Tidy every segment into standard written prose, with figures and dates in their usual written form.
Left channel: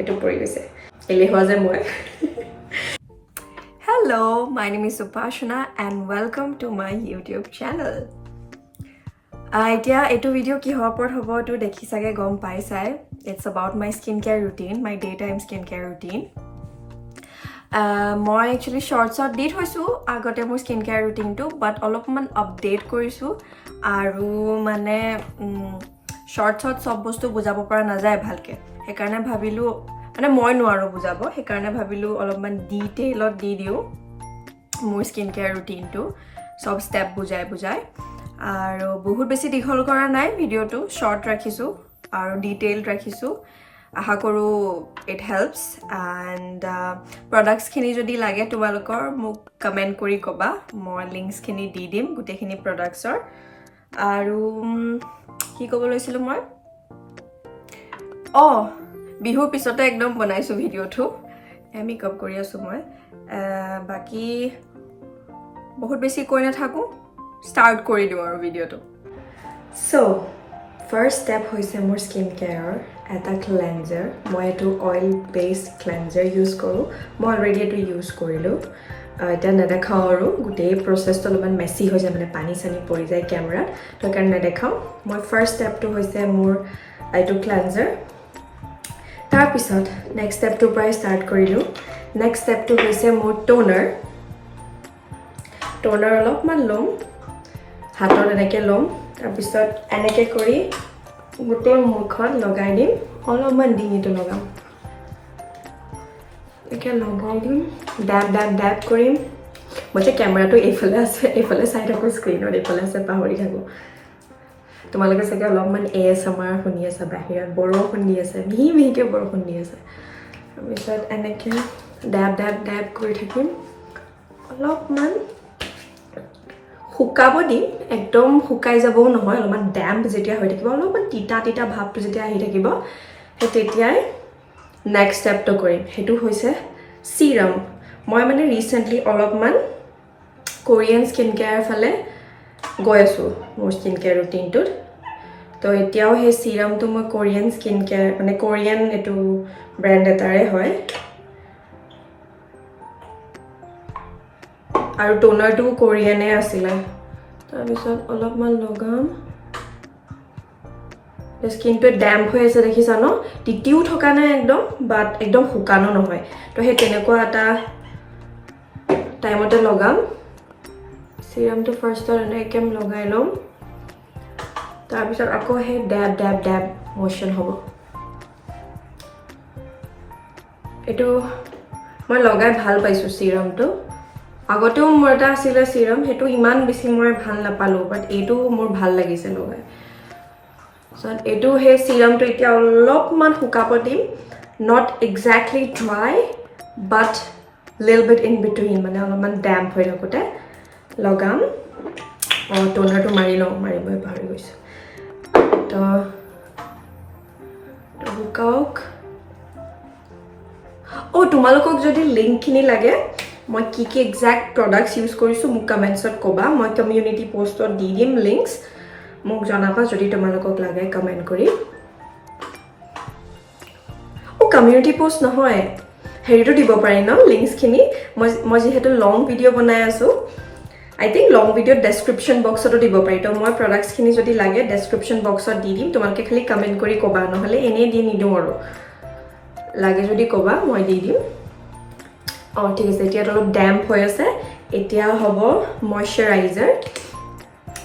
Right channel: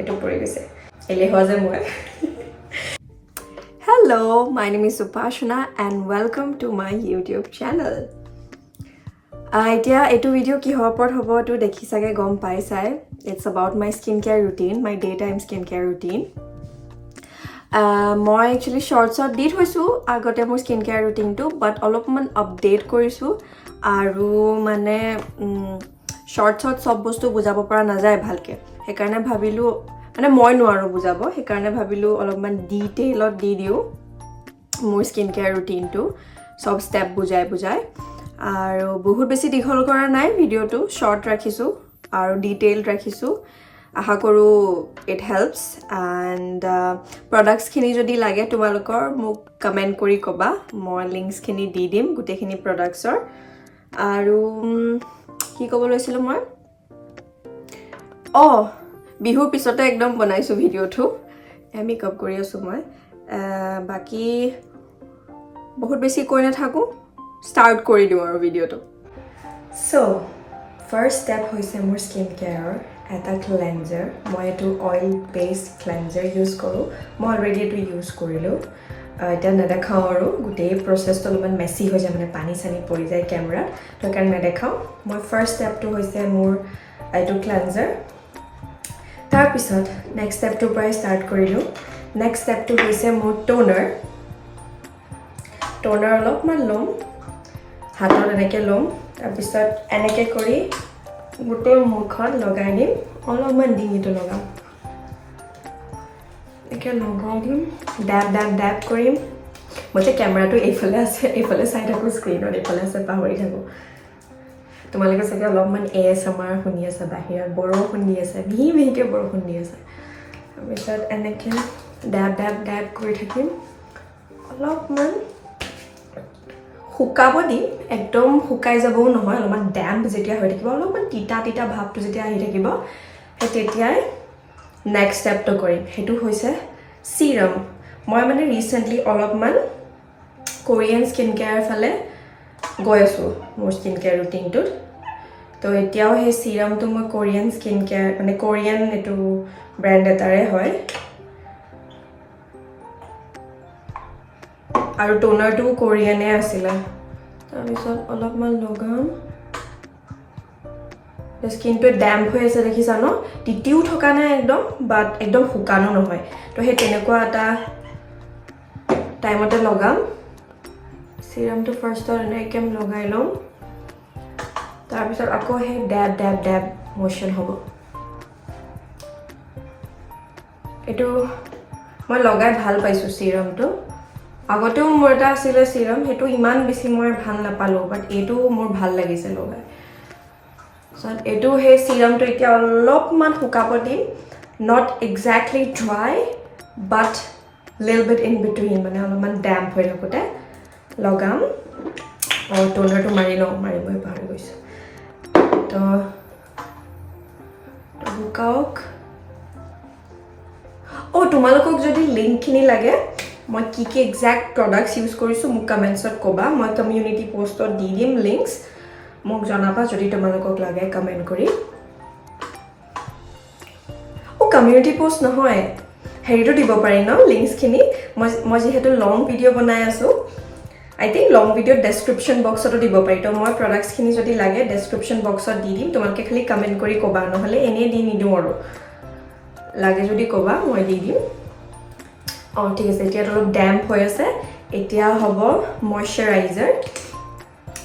এটো পৰি গৈছে এলেহুৱা যে মই Hello, my name is Upashana and welcome to my YouTube channel. Etu video ki hopor hobo to dekhi sage gom pai sai. It's about my skincare routine, my daytime skincare routine. Moi actually shorts out date hoisu agote mor skincare routine to but olopman update korisu aru mane shorts out sob bostu bujabo para na jay bhalke he karone bhabilu মানে মই নোৱাৰো বুজাব হে কাৰণে ভাবিলো অলপমান ডিটেইলত দি দিও মোৰ স্কিন কেয়াৰ ৰুটিনটো সব স্টেপ বুজাই আৰু বহুত বেছি দীঘল কৰা নাই ভিডিওটো শৰ্ট ৰাখিছো আৰু ডিটেইল ৰাখিছো আশা কৰো ইট হেল্পস এন্ড প্ৰডাক্টস খিনি যদি লাগে তোমালোকৰ মোক কমেন্ট কৰি কবা মই লিংকস খিনি দি দিম গুটেখিনি প্ৰডাক্টছৰ আৰু কি ক'ব লৈছিলো মই বিহুৰ পিছতে একদম বনাইছো ভিডিওটো মেকআপ কৰি আছো মই বাকি বহুত বেছি কৈ না থাকো স্টাৰ্ট কৰি দিও আৰু ভিডিওটো সো ফাৰ্স্ট স্টেপ হৈছে মোৰ স্কিন কেয়াৰ এটা ক্লেনজাৰ মই এটো অইল বেস ক্লেনজাৰ ইউজ কৰো মই অলৰেডি এটো ইউজ কৰিলো এটা নেদেখাও আৰু গোটেই প্ৰসেছটো অলপমান মেছি হৈ যায় মানে পানী চানি পৰি যায় কেমেৰাত তো কাৰণ নেদেখাও মই ফাৰ্স্ট স্টেপটো হৈছে মোৰ এটো ক্লেনজাৰ তাৰ পিছত নেক্সট স্টেপটো পৰাই ষ্টাৰ্ট কৰিলো নেক্সট স্টেপটো হৈছে মোৰ টোনাৰ অলপমান লম হাতত এনেকৈ লম তাৰ পিছত এনেকৈ কৰি গোটেই মুখত লগাই দিম অলপমান ডিঙিটো লগাম এনেকৈ লগাই দিম ড্যাব কৰিম মই যে কেমেৰাটো এইফালে আছে এইফালে চাই থাকোঁ স্ক্ৰীনত এইফালে আছে পাহৰি থাকোঁ তোমালোকে চাগে অলপমান ASMR শুনি আছে বাহিৰত বৰষুণ দি আছে মিহিকে বৰষুণ দি আছে তাৰপিছত এনেকৈ ড্যাব কৰি থাকিম অলপমান শুকাব দিম একদম শুকাই যাবও নহয় অলপমান ড্যাম্প যেতিয়া হৈ থাকিব অলপমান তিতা ভাৱটো যেতিয়া আহি থাকিব সেই তেতিয়াই নেক্সট ষ্টেপটো কৰিম সেইটো হৈছে চিৰাম মই মানে ৰিসেন্টলি অলপমান কোৰিয়ান স্কিন কেয়াৰ ফালে গৈ আছো মোৰ স্কিন কেয়াৰ ৰুটিনটোত তো এতিয়াও সেই চিৰামটো মই কোৰিয়ান স্কিন কেয়াৰ মানে কোৰিয়ান এটো ব্ৰ্যান্ড এটাৰে হয় আৰু টোনাৰটো কোৰিয়ানে আছিল তাৰপিছত অলপমান লগাম স্কিনটো ড্যাম্প হৈ আছে দেখিছা ন তিতিও থকা নাই একদম বাট একদম শুকানো নহয় তো সেই তেনেকুৱা এটা টাইমতে লগাম চিৰামটো ফাৰ্ষ্টত এনেকৈ লগাই লম তাৰপিছত আকৌ সেই ড্যাব মোশন হ'ব এটো মই লগাই ভাল পাইছো চিৰামটো আগতেও মোৰ এটা আছিল চিৰাম হেতু ইমান বেছি মই ভাল নাপালো বাট এটো মোৰ ভাল লাগিছে লগাই সো এটো হে চিৰামটো এতিয়া অলপমান শুকাব দিম not exactly dry but little bit in between মানে অলপমান ড্যাম্প হৈ থাকোতে লগাম আৰু টোনাৰটো মাৰিবই পাহৰি গৈছে তো শুকাওক তোমালোকক যদি লিংক খিনি লাগে মই কি এক্সাক্ট প্ৰডাক্টস ইউজ কৰিছো মোক কমেন্টছত কবা মই কমিউনিটি পোষ্টত দি দিম লিংকস মোক জনাবা যদি তোমালোকক লাগে কমেন্ট কৰি কমিউনিটি পোষ্ট নহয় হেৰিটো দিব পাৰি ন লিংকস খিনি মই যেহেতু লং ভিডিও বনাই আছো I think long video description box to দিব পাৰি তো মই products খিনি যদি লাগে description box ত দি দিম তোমালোকে খালি কমেন্ট কৰি কবা নহলে এনে দি নিদো আৰু লাগে যদি কবা মই দি দিম ঠিক আছে এতিয়া অলপ ড্যাম্প হৈ আছে এতিয়া হ'ব ময়শ্চাৰাইজাৰ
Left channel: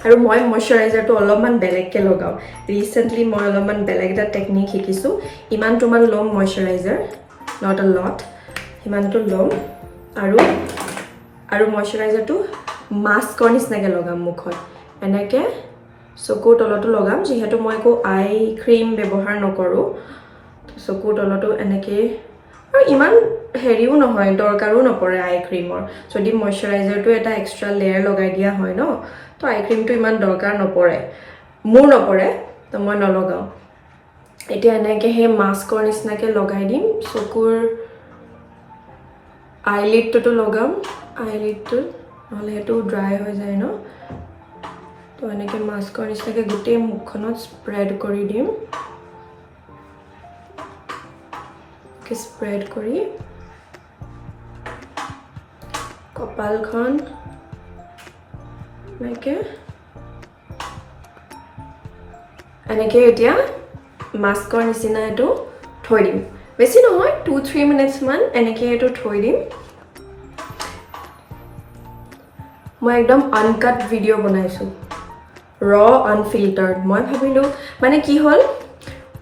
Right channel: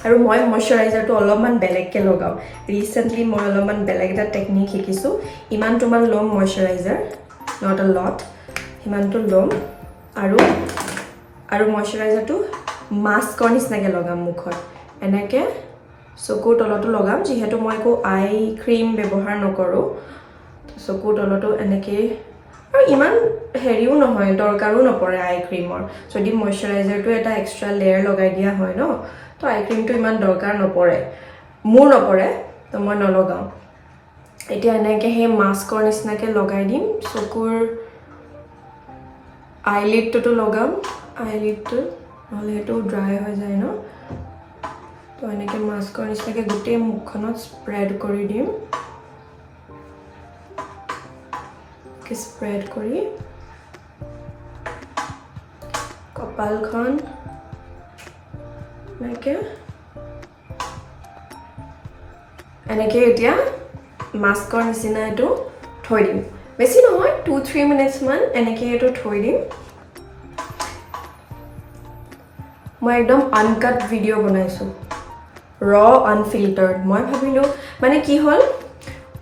আৰু মই ময়শ্চাৰাইজাৰটো অলপমান বেলেগকে লগাও ৰিসেন্টলি মই অলপমান বেলেগ এটা টেকনিক শিকিছো ইমান তুমান লম ময়শ্চাৰাইজাৰ not a lot ইমানটো লম আৰু ময়শ্চাৰাইজাৰটো মাস্কৰ নিচিনাকে লগাম মুখত এনেকে চকুৰ তলতো লগাম যেহেতু মই একো আই ক্ৰীম ব্যৱহাৰ নকৰো চকুৰ তলতো এনেকে আৰু ইমান হেৰিও নহয় দৰকাৰো নপৰে আই ক্ৰীমৰ যদি ময়শ্চাৰাইজাৰটো এটা এক্সট্ৰা লেয়াৰ লগাই দিয়া হয় ন তো আই ক্ৰীমটো ইমান দৰকাৰ নপৰে মোৰ নপৰে তো মই নলগাও এতিয়া এনেকে হে মাস্কৰ নিচিনাকে লগাই দিম চকুৰ আইলিডটো লগাম আইলিডটো নহলে এটো ড্ৰাই হৈ যায় ন তো এনেকে মাস্কৰ নিচিনাকে গোটেই মুখখনত স্প্ৰেড কৰি দিম স্প্ৰেড কৰি কপালখন এনেকৈ এতিয়া মাস্কৰ নিচিনা এইটো থৈ দিম বেছি নহয় 2-3 মিনিটছ মান এনেকৈ এইটো থৈ দিম মই একদম আনকাট ভিডিঅ' বনাইছোঁ ৰ আনফিল্টাৰ্ড মই ভাবিলোঁ মানে কি হ'ল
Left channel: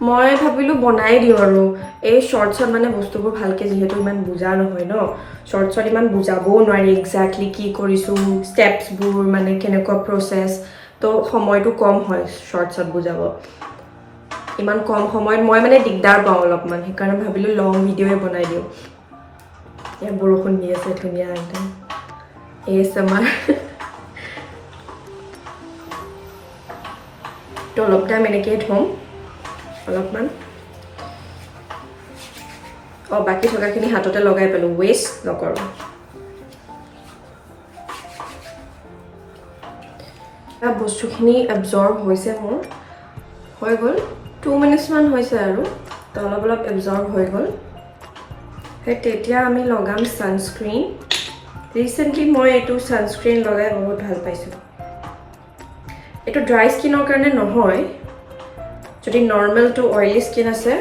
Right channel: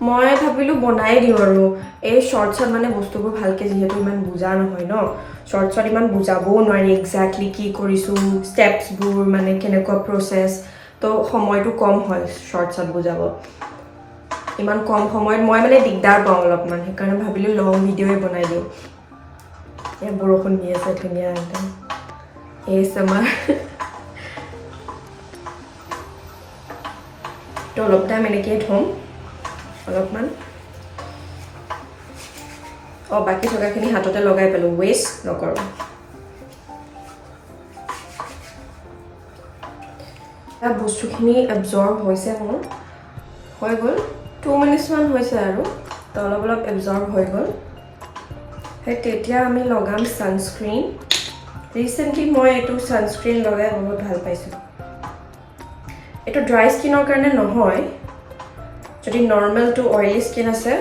মই ভাবিলোঁ বনাই দিওঁ আৰু এই শ্বৰ্টছত মানে বস্তুবোৰ ভালকৈ যিহেতু ইমান বুজা নহয় ন শ্বৰ্টছত ইমান বুজাবও নোৱাৰি এক্সেক্টলি কি কৰিছোঁ ষ্টেপছবোৰ মানে কেনেকুৱা প্ৰচেছ তো সময়টো কম হয় শ্বৰ্টছত বুজাব ইমান কম সময়ত মই মানে দিগদাৰ পাওঁ অলপমান সেইকাৰণে ভাবিলোঁ লং ভিডিঅ'য়ে বনাই দিওঁ এই বৰষুণ দি আছে ধুনীয়া একদম ASMR তো অলপ টাইম এনেকৈ থ'ম অলপমান বাকী থকাখিনি হাততে লগাই পেলোঁ ৱেষ্ট নকৰোঁ বস্তুখিনি এবজৰ্ব হৈছে মোৰ হৈ গ'ল 2 মিনিটছমান হৈছে আৰু তো অলপ অলপ এবজৰ্ব হৈ গ'ল সেই তেতিয়া আমি লগাম ছানস্ক্ৰীন ৰিচেণ্টলি মই এইটো ছানস্ক্ৰীন লগাই বহুত ভাল পাইছোঁ এইটো ড্ৰাই স্কিনৰ কাৰণে নহয় যদি নৰ্মেল টু অইলি স্কিন আছে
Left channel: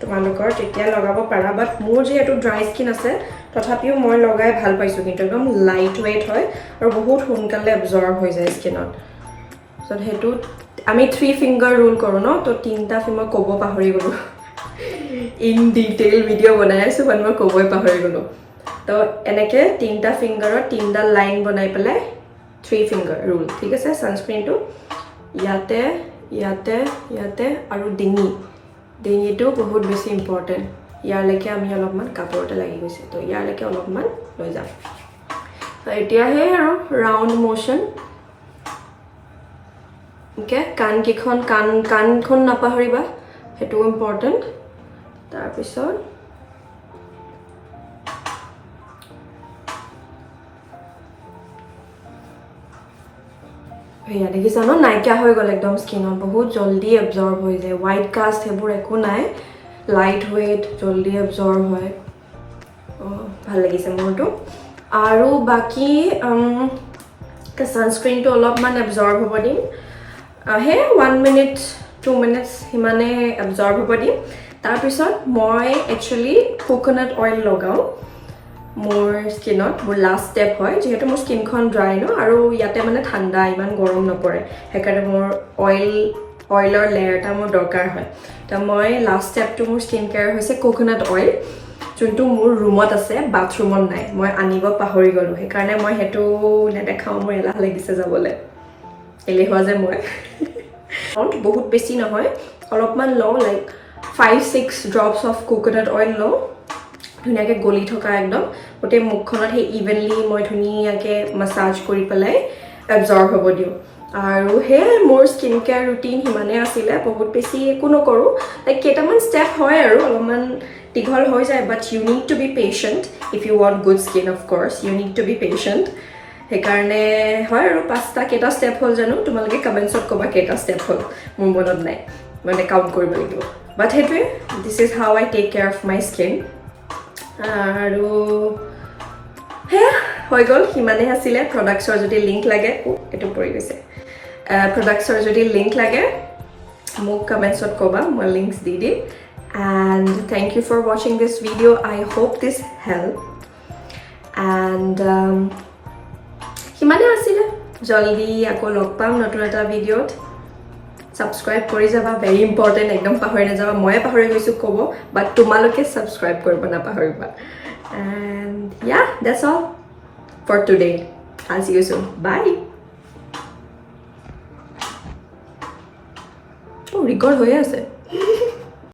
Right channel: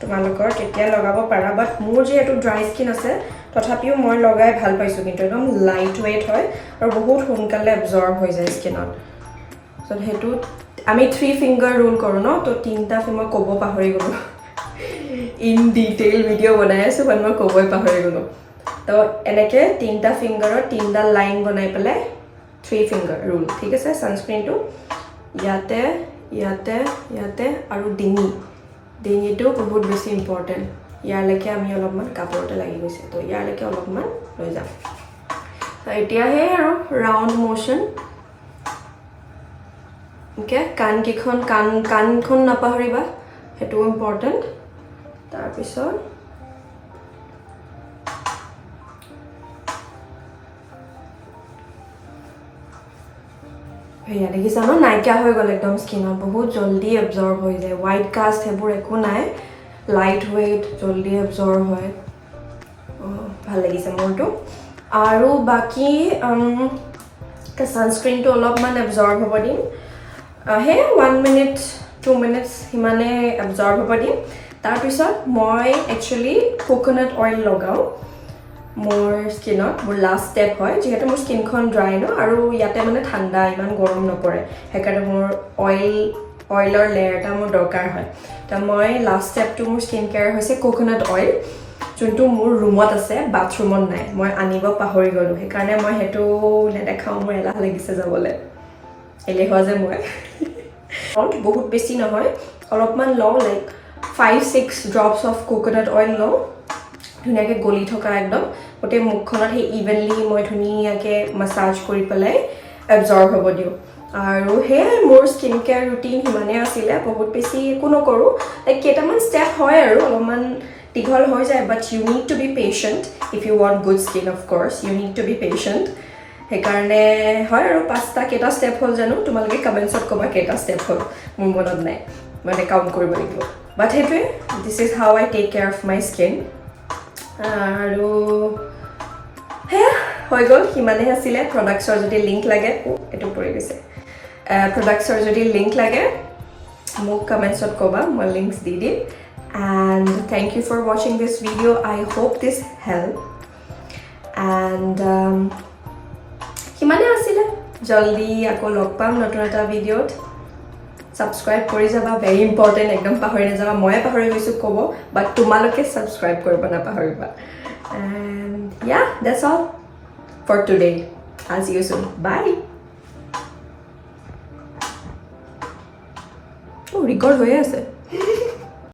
তোমালোকৰ তেতিয়া লগাব পাৰা বাট মোৰ যিহেতু ড্ৰাই স্কিন আছে তথাপিও মই লগাই ভাল পাইছোঁ কিন্তু একদম লাইট ৱেইট হয় আৰু বহুত সোনকালে এবজৰ্ব হৈ যায় স্কিনত চ' সেইটো আমি 3 ফিংগাৰ ৰুল কৰোঁ ন তো 3টা মই ক'ব পাহৰি গ'লোঁ ইন ডিটেইল ভিডিঅ' বনাই আছোঁ বাট মই ক'বই পাহৰি গ'লোঁ তো এনেকৈ 3টা ফিংগাৰত 3ডাল লাইন বনাই পেলাই 3 ফিংগাৰ ৰুল ঠিক আছে ছানস্ক্ৰীনটো ইয়াতে ইয়াতে ইয়াতে আৰু ডিঙিটো বহুত বেছি ইম্পৰ্টেণ্ট ইয়ালৈকে আমি অলপমান কাপোৰতে লাগি গৈছে তো ইয়ালৈকে অলপমান লৈ যাম তো এতিয়াহে আৰু ৰাউণ্ড মোশ্যন অ'কে কাণখন নাপাহৰিবা সেইটো ইম্পৰ্টেণ্ট তাৰপিছত সেয়া দেখিছা ন নাইকিয়া হৈ গ'ল একদম স্কিনত বহুত জল্দি এবজৰ্ব হৈ যায় হোৱাইট কাষ্ট সেইবোৰ একো নাই লাইট ৱেইট জল্দি এবজৰ্ব হয় ভাল লাগিছে মোৰটো আৰু বাকী ছানস্ক্ৰীনটো অলপমান এবজৰ্ব হ'ব দিম সেই 1 মিনিট 2 মিনিটছ সিমানে এবজৰ্ব হ'ব দিম তাৰপিছত মই একচুৱেলি কোকোনাট অইল লগাওঁ মোৰ স্কিনত মোৰ লাষ্ট ষ্টেপ হয় যিহেতু মোৰ স্কিনখন ড্ৰাই ন আৰু ইয়াতে মানে ঠাণ্ডা ইমান গৰম নপৰে সেইকাৰণে মোৰ অইলৰ লেয়াৰ এটা মোৰ দৰকাৰ হয় তো মই লাষ্ট ষ্টেপটো মোৰ স্কিন কেয়াৰ হৈছে কোকোনাট অইল যোনটো মোৰ ৰুমত আছে বাথৰুমত নাই মই আনিব পাহৰি গ'লোঁ সেইকাৰণে মই সেইটো নেদেখাওঁ মোৰ এলাহ লাগিছে যাবলৈ এলেহুৱা যে মই বহুত বেছি নহয় অলপমান লওঁ like 5-6 drops of coconut oil লওঁ ধুনীয়াকৈ গলি থকা একদম গোটেই মুখখনত সেই ইভেনলি মই ধুনীয়াকৈ মাছাজ কৰি পেলাই এবজৰ্ব হ'ব দিওঁ আৰু সেয়াই মোৰ স্কিন কেয়াৰ ৰুটিন সিমানেই আছিলে বহুত বেছি একো নকৰোঁ লাইক কেইটামান ষ্টেপ হয় আৰু অলপমান দীঘল হৈ যায় but you need to be patient if you want good skin of course you need to be patient সেইকাৰণে হয় আৰু কেইটা ষ্টেপ হ'ল জানো তোমালোকে কমেণ্টছত ক'বা কেইটা ষ্টেপ হ'ল মোৰ মনত নাই মানে কাউণ্ট কৰিব লাগিব বাট সেইটোৱে this is how I take care of my skin আৰু সেয়া হৈ গ'ল সিমানেই আছিলে প্ৰডাক্টছৰ যদি লিংক লাগে এইটো পৰি গৈছে প্ৰডাক্টছৰ যদি লিংক লাগে মোক কমেণ্টছত ক'বা মই লিংকছ দি দিম এণ্ড থেংক ইউ ফৰ ৱাচিং this video' I hope this help and সিমানেই আছিলে জল্দি আকৌ লগ পাম নতুন এটা ভিডিঅ'ত ছাবস্ক্ৰাইব কৰি যাবা ভেৰি ইম্পৰ্টেণ্ট একদম পাহৰি নাযাবা ময়ে পাহৰি গৈছোঁ ক'ব বাট তোমালোকে ছাবস্ক্ৰাইব কৰিব নাপাহৰিবা and yeah that's all for today I'll see you soon bye record হৈয়ে আছে